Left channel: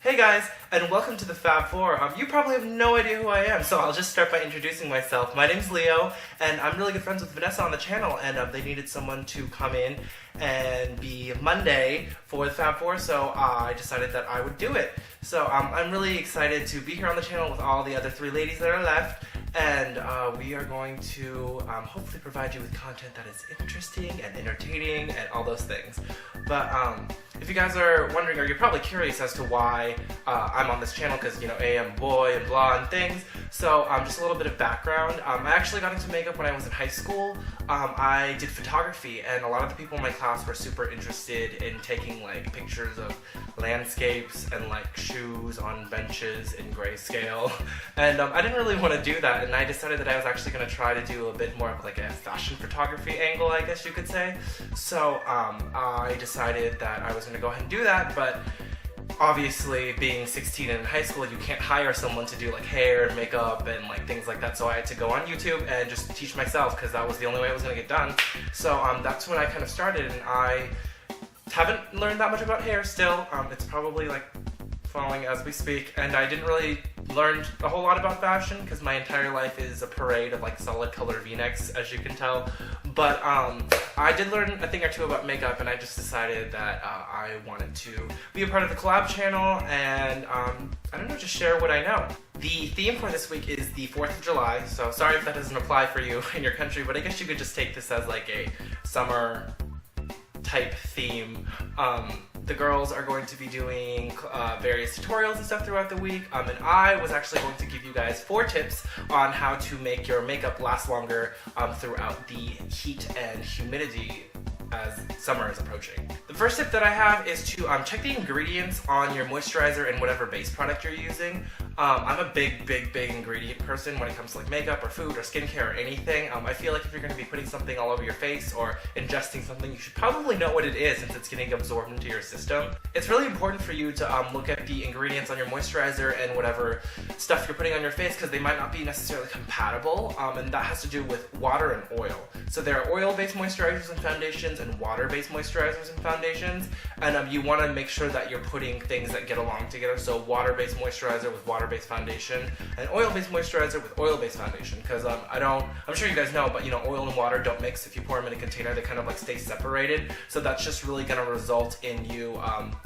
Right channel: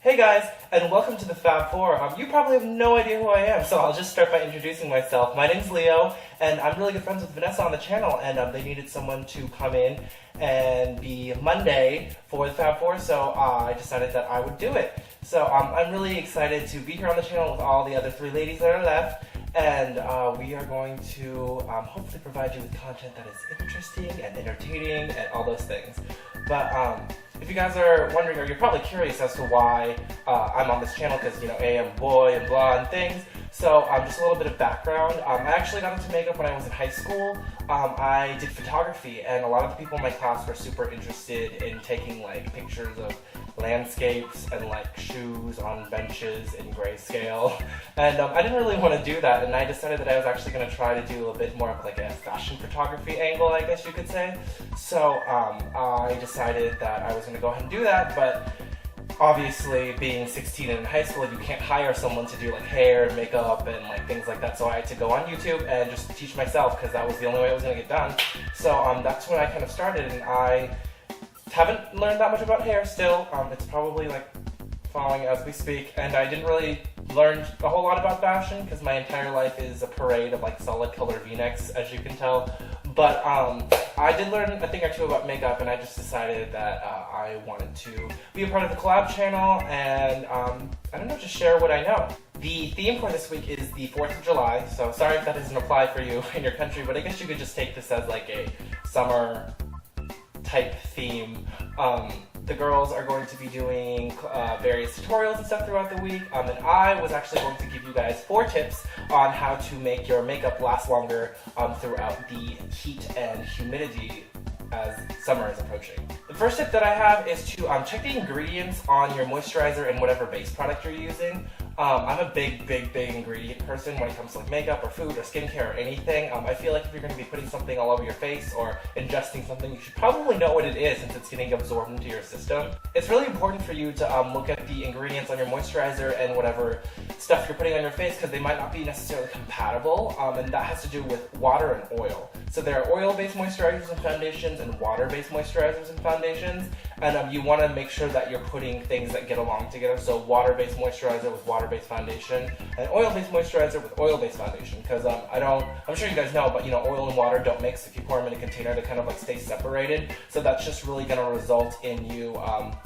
Hey guys, and welcome to the Fab Four. You probably have no idea who I am, so I'll just start by introducing myself. My name's Leo, and I'm really good friends with Vanessa on the channel, and they needed someone to come in and be Monday for the Fab Four, so I decided that I would do it. So I'm really excited to be here on the channel with all the other three ladies that are left, and we are going to hopefully provide you with content that is interesting and entertaining and all those things. But if you guys are wondering, or you're probably curious as to why I'm on this channel, because, you know, I'm a boy and blah and things. So just a little bit of background. I actually got into makeup when I was in high school. I did photography, and a lot of the people in my class were super interested in taking like pictures of landscapes and like shoes on benches in grayscale. And I didn't really want to do that, and I decided that I was actually going to try to do a bit more of like a fashion photography angle, I guess you could say. So I decided that I was going to go ahead and do that, but obviously being 16 and in high school, you can't hire someone to do like hair and makeup and like things like that, so I had to go on YouTube and just teach myself, because that was the only way it was going to get done. So that's when I kind of started, and I haven't learned that much about hair still. It's probably like falling as we speak, and I didn't really learn a whole lot about fashion because my entire life is a parade of like solid color v-necks, as you can tell. But I did learn a thing or two about makeup, and I just decided that I wanted to be a part of the collab channel and I don't know, just share what I know. The theme for this week is the 4th of July, so sorry if that doesn't apply for you in your country, but I guess you could just take this as like a summer type theme. The girls are going to be doing various tutorials and stuff throughout the week, and I was actually going to give you guys 4 tips on how to make your makeup last longer throughout the heat and humidity as summer is approaching. The first tip that I have is to check the ingredients on your moisturizer and whatever base product you're using. I'm a big ingredient person when it comes to like makeup or food or skincare or anything. I feel like if you're going to be putting something all over your face or ingesting something, you should probably know what it is since it's getting absorbed into your system. It's really important for you to look at the ingredients on your moisturizer and whatever stuff you're putting on your face, because they might not be necessarily compatible, and that has to do with water and oil. So there are oil-based moisturizers and foundations and water-based moisturizers and foundations, and you want to make sure that you're putting things that get along together. So water-based moisturizer with water-based foundation, and oil-based moisturizer with oil-based foundation, because I'm sure you guys know, but you know, oil and water don't mix. If you pour them in a container, they kind of like stay separated. So that's just really going to result in you,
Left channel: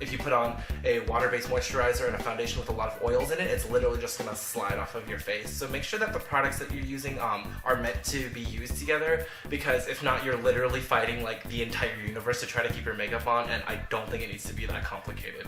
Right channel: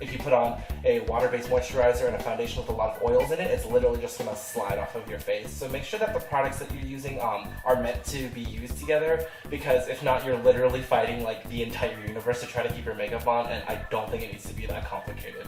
if you put on a water-based moisturizer and a foundation with a lot of oils in it, it's literally just going to slide off of your face. So make sure that the products that you're using are meant to be used together, because if not, you're literally fighting like the entire universe to try to keep your makeup on, and I don't think it needs to be that complicated.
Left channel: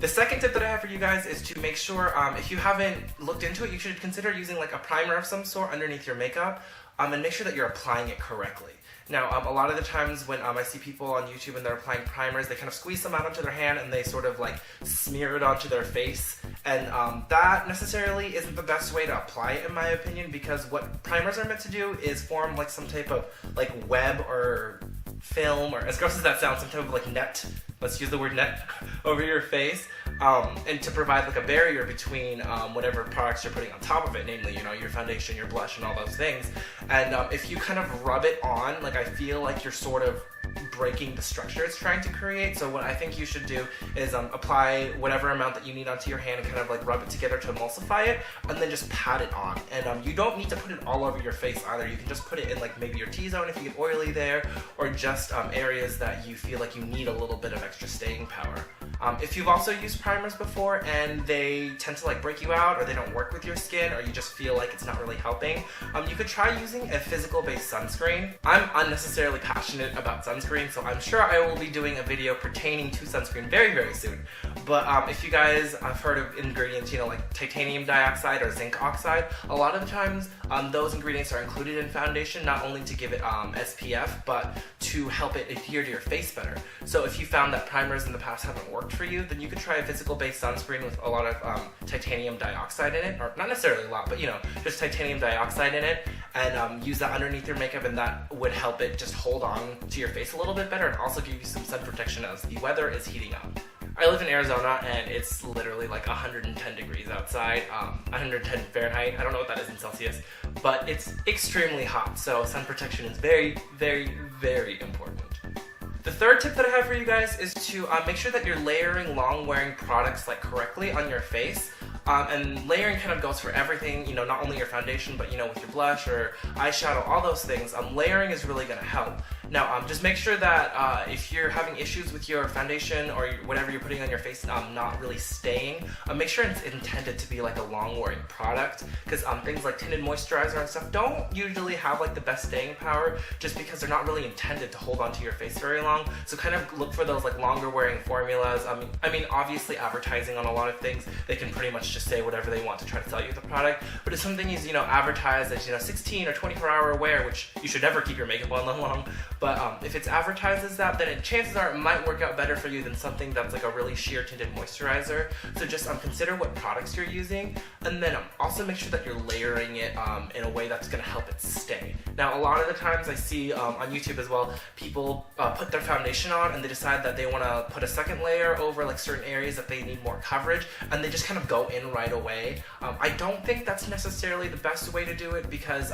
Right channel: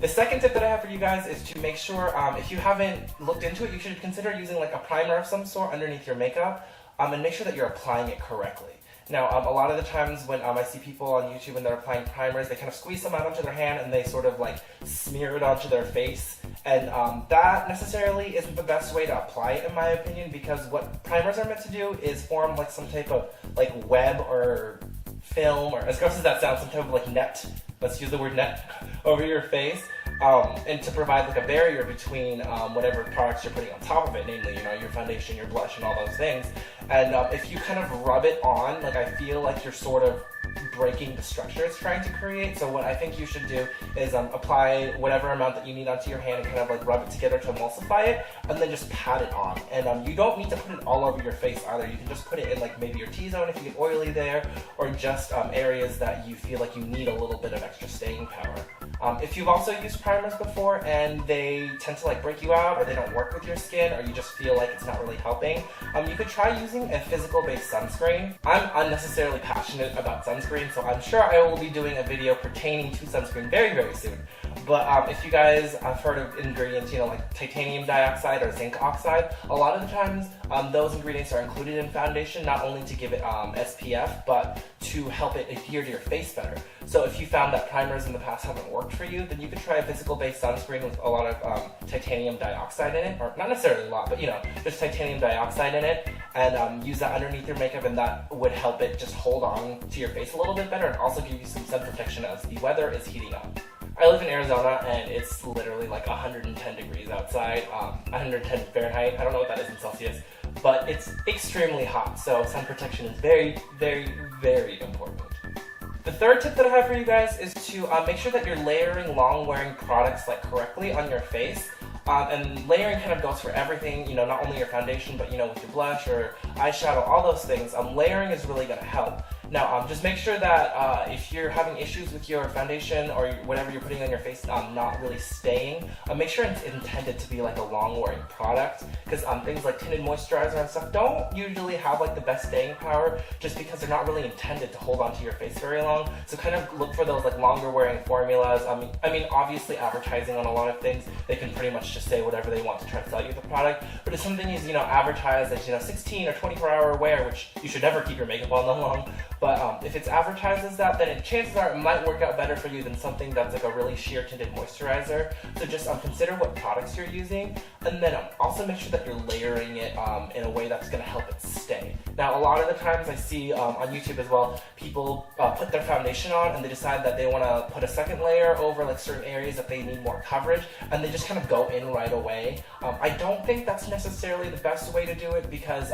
The second tip that I have for you guys is to make sure, if you haven't looked into it, you should consider using like a primer of some sort underneath your makeup, and make sure that you're applying it correctly. Now, a lot of the times when I see people on YouTube and they're applying primers, they kind of squeeze some out onto their hand and they sort of like smear it onto their face. And that necessarily isn't the best way to apply it, in my opinion, because what primers are meant to do is form like some type of like web or film, or as gross as that sounds, some type of like net, let's use the word net, over your face. And to provide like a barrier between whatever products you're putting on top of it, namely, you know, your foundation, your blush, and all those things. And if you kind of rub it on, like, I feel like you're sort of breaking the structure it's trying to create. So what I think you should do is apply whatever amount that you need onto your hand and kind of like rub it together to emulsify it, and then just pat it on. And you don't need to put it all over your face either. You can just put it in like maybe your T-zone if you get oily there, or just areas that you feel like you need a little bit of extra staying power. If you've also used primers before and they tend to like break you out, or they don't work with your skin, or you just feel like it's not really helping, you could try using a physical-based sunscreen. I'm unnecessarily passionate about sunscreen, so I'm sure I will be doing a video pertaining to sunscreen very soon. But if you guys have heard of ingredients, you know, like titanium dioxide or zinc oxide, a lot of the times those ingredients are included in foundation, not only to give it SPF, but to help it adhere to your face better. So if you found that primers in the past haven't worked for you, then you could try a physical-based sunscreen with a lot of titanium dioxide in it, or not necessarily a lot, but you know, just titanium dioxide in it, and use that underneath your makeup, and that would help it just hold on to your face a little bit better, and also give you some sun protection as the weather is heating up. I live in Arizona, and it's literally like 110 degrees outside, 110 Fahrenheit. I don't know what that is in Celsius, but it's extremely hot, so sun protection is very important. The third tip that I have for you guys is to make sure that you're layering long-wearing products like correctly on your face. And layering kind of goes for everything, not only your foundation, but with your blush or eyeshadow, all those things. Layering is really going to help. Now, just make sure that if you're having issues with your foundation or whatever you're putting on your face not really staying, make sure it's intended to be like a long-wearing product, because things like tinted moisturizer and stuff don't usually have like the best staying power, just because they're not really intended to hold onto your face very long. So kind of look for those like longer-wearing formulas. I mean, obviously advertising on a lot of things, they can pretty much just say whatever they want to try to sell you the product. But if something is advertised as 16 or 24-hour wear, which you should never keep your makeup on that long. But if it's advertised as that, then chances are it might work out better for you than something that's like a really sheer tinted moisturizer. So just consider what products you're using, and then also make sure that you're layering it in a way that's going to help it stay. Now, a lot of the times I see on YouTube as well, people put their foundation on and they decide that they want to put a second layer over like certain areas that they need more coverage, and they just kind of go in right away. I don't think that's necessarily the best way to do it, because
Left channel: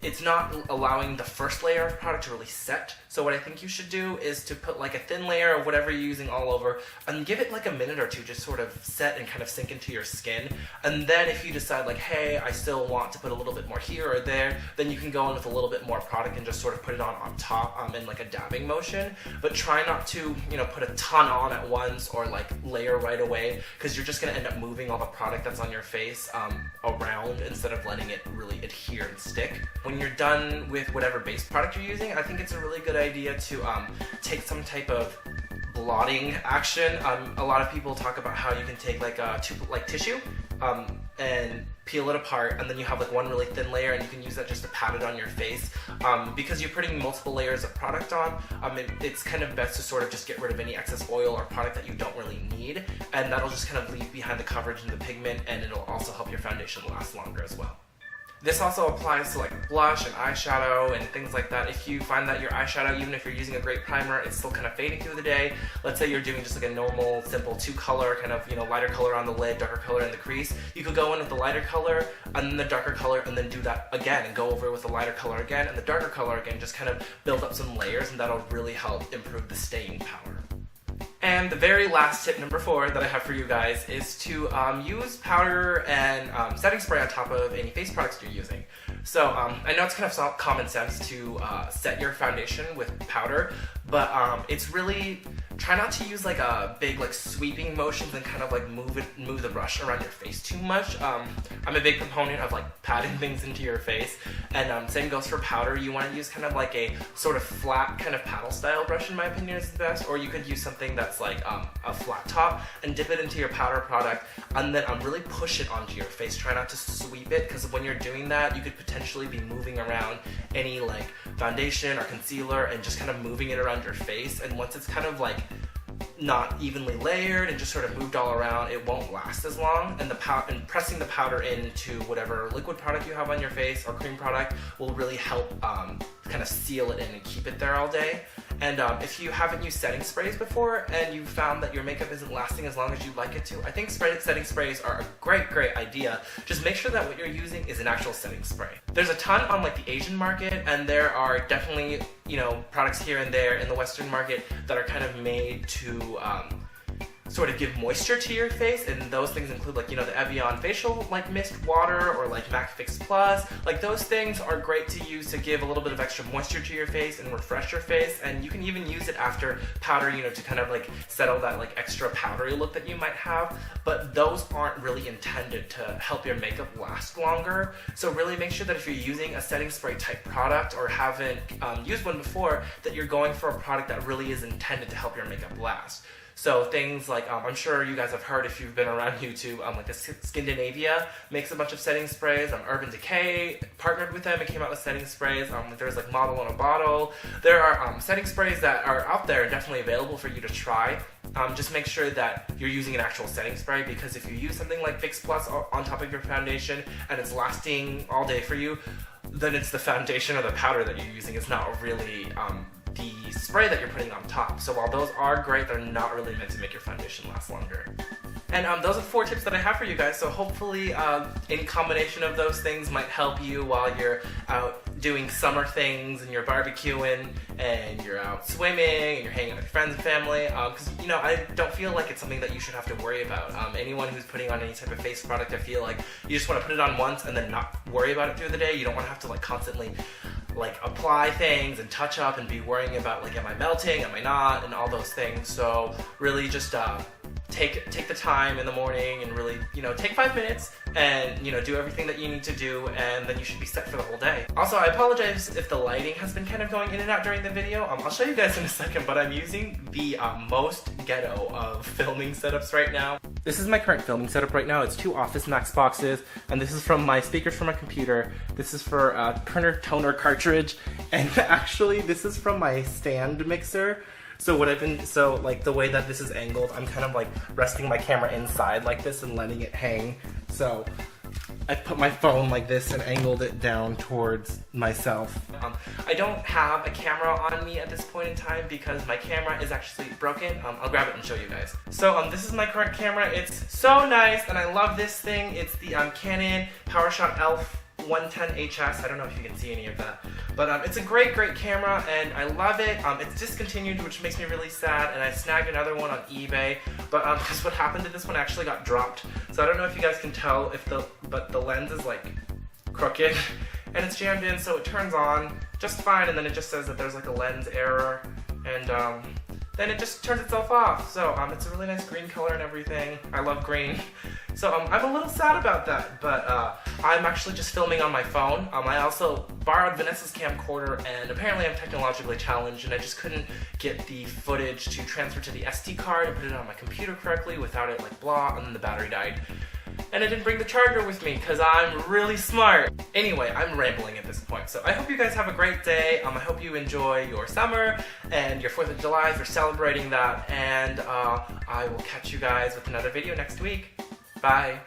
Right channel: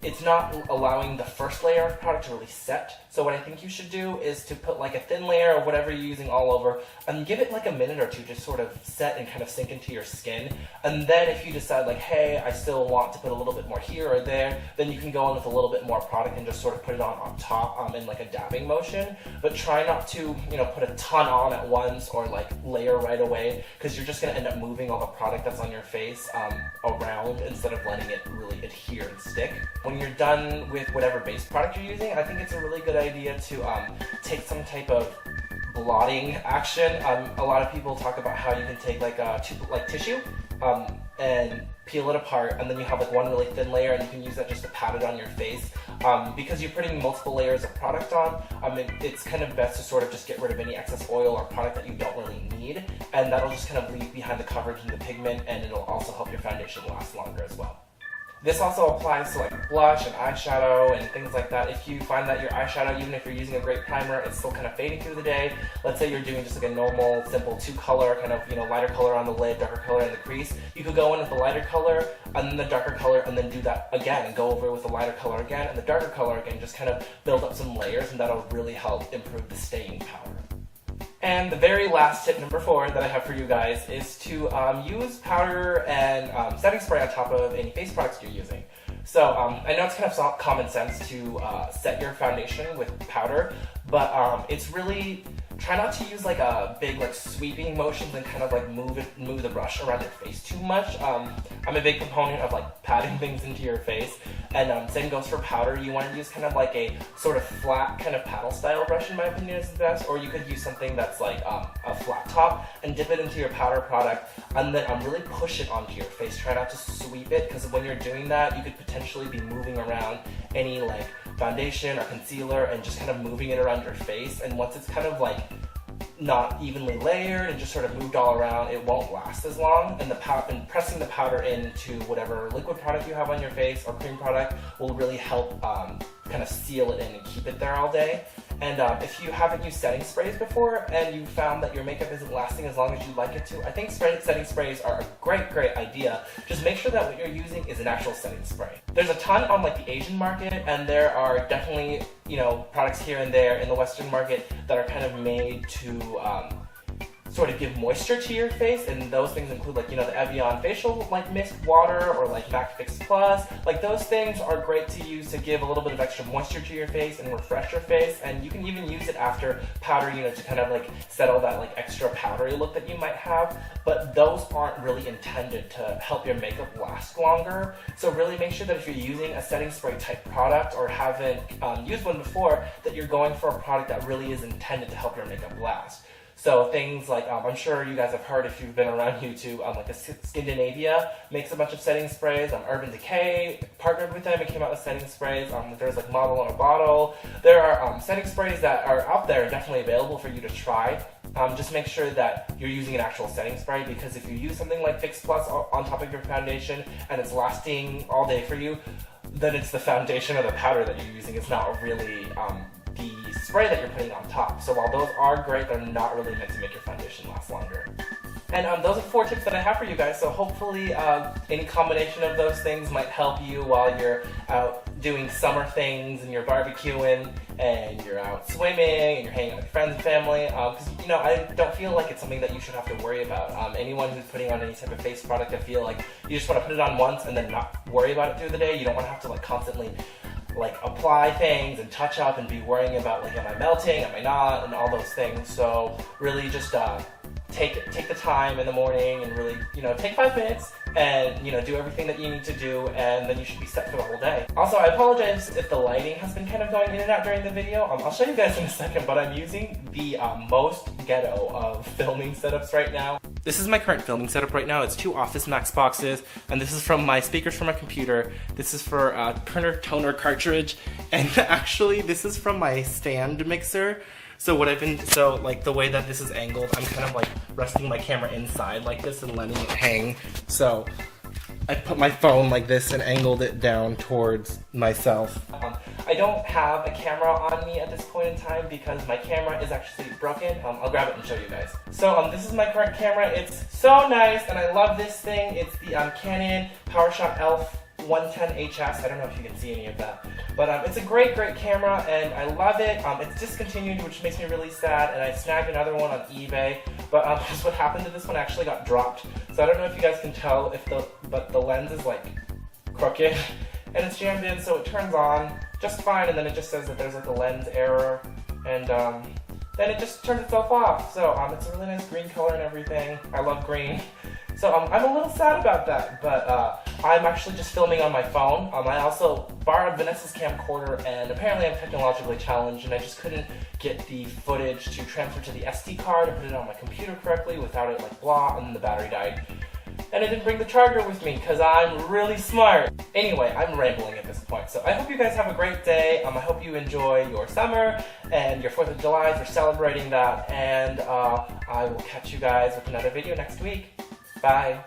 it's not allowing the first layer of product to really set. So what I think you should do is to put like a thin layer of whatever you're using all over, and give it like a minute or two to sort of set and kind of sink into your skin. And then if you decide like, hey, I still want to put a little bit more here or there, then you can go in with a little bit more product and just sort of put it on top in like a dabbing motion. But try not to put a ton on at once or like layer right away, because you're just going to end up moving all the product that's on your face around instead of letting it really adhere and stick. When you're done with whatever base product you're using, I think it's a really good idea to take some type of blotting action. A lot of people talk about how you can take like tissue and peel it apart, and then you have like one really thin layer, and you can use that just to pat it on your face. Because you're putting multiple layers of product on, it's kind of best to sort of just get rid of any excess oil or product that you don't really need, and that'll just kind of leave behind the coverage and the pigment, and it'll also help your foundation last longer as well. This also applies to like blush and eyeshadow and things like that. If you find that your eyeshadow, even if you're using a great primer, it's still kind of fading through the day. Let's say you're doing just like a normal, simple 2-color, kind of, lighter color on the lid, darker color in the crease. You could go in with the lighter color and then the darker color, and then do that again and go over with the lighter color again and the darker color again. Just kind of build up some layers, and that'll really help improve the staying power. And the very last tip, number 4, that I have for you guys is to use powder and setting spray on top of any face products you're using. So I know it's kind of common sense to set your foundation with powder, but it's really, try not to use like a big like sweeping motions and kind of like move the brush around your face too much. I'm a big proponent of like patting things into your face, and same goes for powder. You want to use kind of like a sort of flat kind of paddle style brush, in my opinion, is the best, or you could use something that's like a flat top and dip it into your powder product, and then really push it onto your face. Try not to sweep it, because when you're doing that, you could potentially be moving around any like foundation or concealer and just kind of moving it around your face, and once it's kind of like not evenly layered and just sort of moved all around, it won't last as long, and pressing the powder into whatever liquid product you have on your face or cream product will really help kind of seal it in and keep it there all day. And if you haven't used setting sprays before and you found that your makeup isn't lasting as long as you'd like it to, I think setting sprays are a great idea. Just make sure that what you're using is an actual setting spray. There's a ton on like the Asian market, and there are definitely products here and there in the Western market that are kind of made to sort of give moisture to your face, and those things include like the Evian facial like mist water, or like MAC Fix Plus. Like those things are great to use to give a little bit of extra moisture to your face and refresh your face, and you can even use it after powder, to kind of like settle that like extra powdery look that you might have. But those aren't really intended to help your makeup last longer. So really make sure that if you're using a setting spray type product or haven't used one before, that you're going for a product that really is intended to help your makeup last. So things like, I'm sure you guys have heard if you've been around YouTube, like Skindinavia makes a bunch of setting sprays. Urban Decay partnered with them and came out with setting sprays. There's like Model on a Bottle. There are setting sprays that are out there and definitely available for you to try. Just make sure that you're using an actual setting spray, because if you use something like Fix Plus on top of your foundation and it's lasting all day for you, then it's the foundation or the powder that you're using. It's not really the spray that you're putting on top. So while those are great, they're not really meant to make your foundation last longer. And those are 4 tips that I have for you guys. So hopefully any combination of those things might help you while you're out doing summer things and you're barbecuing and you're out swimming and you're hanging out with friends and family, because you know, I don't feel like it's something that you should have to worry about. Anyone who's putting on any type of face product, I feel like you just want to put it on once and then not worry about it through the day. You don't want to have to like constantly like apply things and touch up and be worrying about like, am I melting, am I not, and all those things. So really just take the time in the morning and really, you know, take 5 minutes and, you know, do everything that you need to do, and then you should be set for the whole day. Also, I apologize if the lighting has been kind of going in and out during the video. I'll show you guys in a second, but I'm using the most ghetto of filming setups right now. This is my current filming setup right now. It's 2 Office Max boxes, and this is from my speakers from my computer. This is for a printer toner cartridge, and actually this is from my stand mixer. So like the way that this is angled, I'm kind of like resting my camera inside like this and letting it hang. So I put my phone like this and angled it down towards myself. I don't have a camera on me at this point in time because my camera is actually broken. I'll grab it and show you guys. So this is my current camera. It's so nice and I love this thing. It's the Canon PowerShot ELPH 110HS. I don't know if you can see any of that, but it's a great camera and I love it. It's discontinued, which makes me really sad, and I snagged another one on eBay, but because what happened to this one actually got dropped. So I don't know if you guys can tell but the lens is like crooked and it's jammed in, so it turns on just fine, and then it just says that there's like a lens error, and then it just turns itself off. So it's a really nice green color and everything. I love green. So I'm a little sad about that, but I'm actually just filming on my phone. I also borrowed Vanessa's camcorder, and apparently I'm technologically challenged, and I just couldn't get the footage to transfer to the SD card and put it on my computer correctly without it like blah, and then the battery died. And I didn't bring the charger with me because I'm really smart. Anyway, I'm rambling at this point. So I hope you guys have a great day. I hope you enjoy your summer and your 4th of July if you're celebrating that. And I will catch you guys with another video next week. Bye.